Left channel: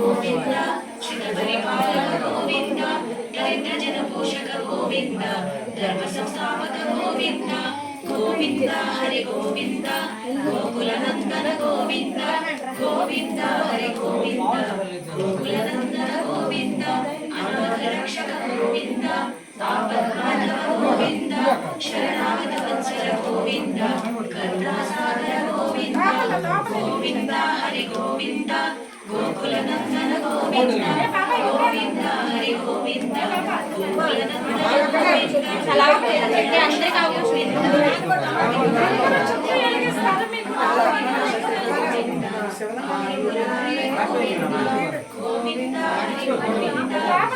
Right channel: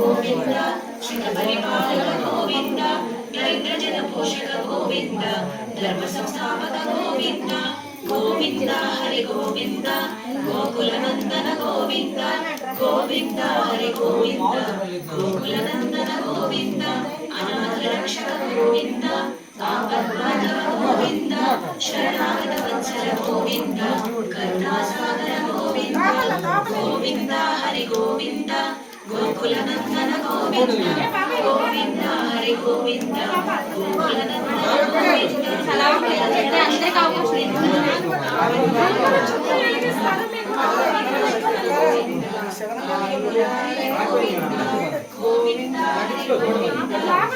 गोविंद श्रित परिपालक गोविंद दरिद्र जन पोषक गोविंद धर्म संस्थापक गोविंद गोविंद हरि गोविंद गोकुल नंदन गोविंद गोविंद हरि गोविंद गोकुल नंदन गोविंद अनाथ रक्षक गोविंद आपद्बांधव गोविंद शरणागत वत्सल गोविंद करुणासागर गोविंद गोविंद हरि गोविंद गोकुल नंदन गोविंद गोविंद हरि गोविंद गोकुल नंदन गोविंद गोविंद हरि गोविंद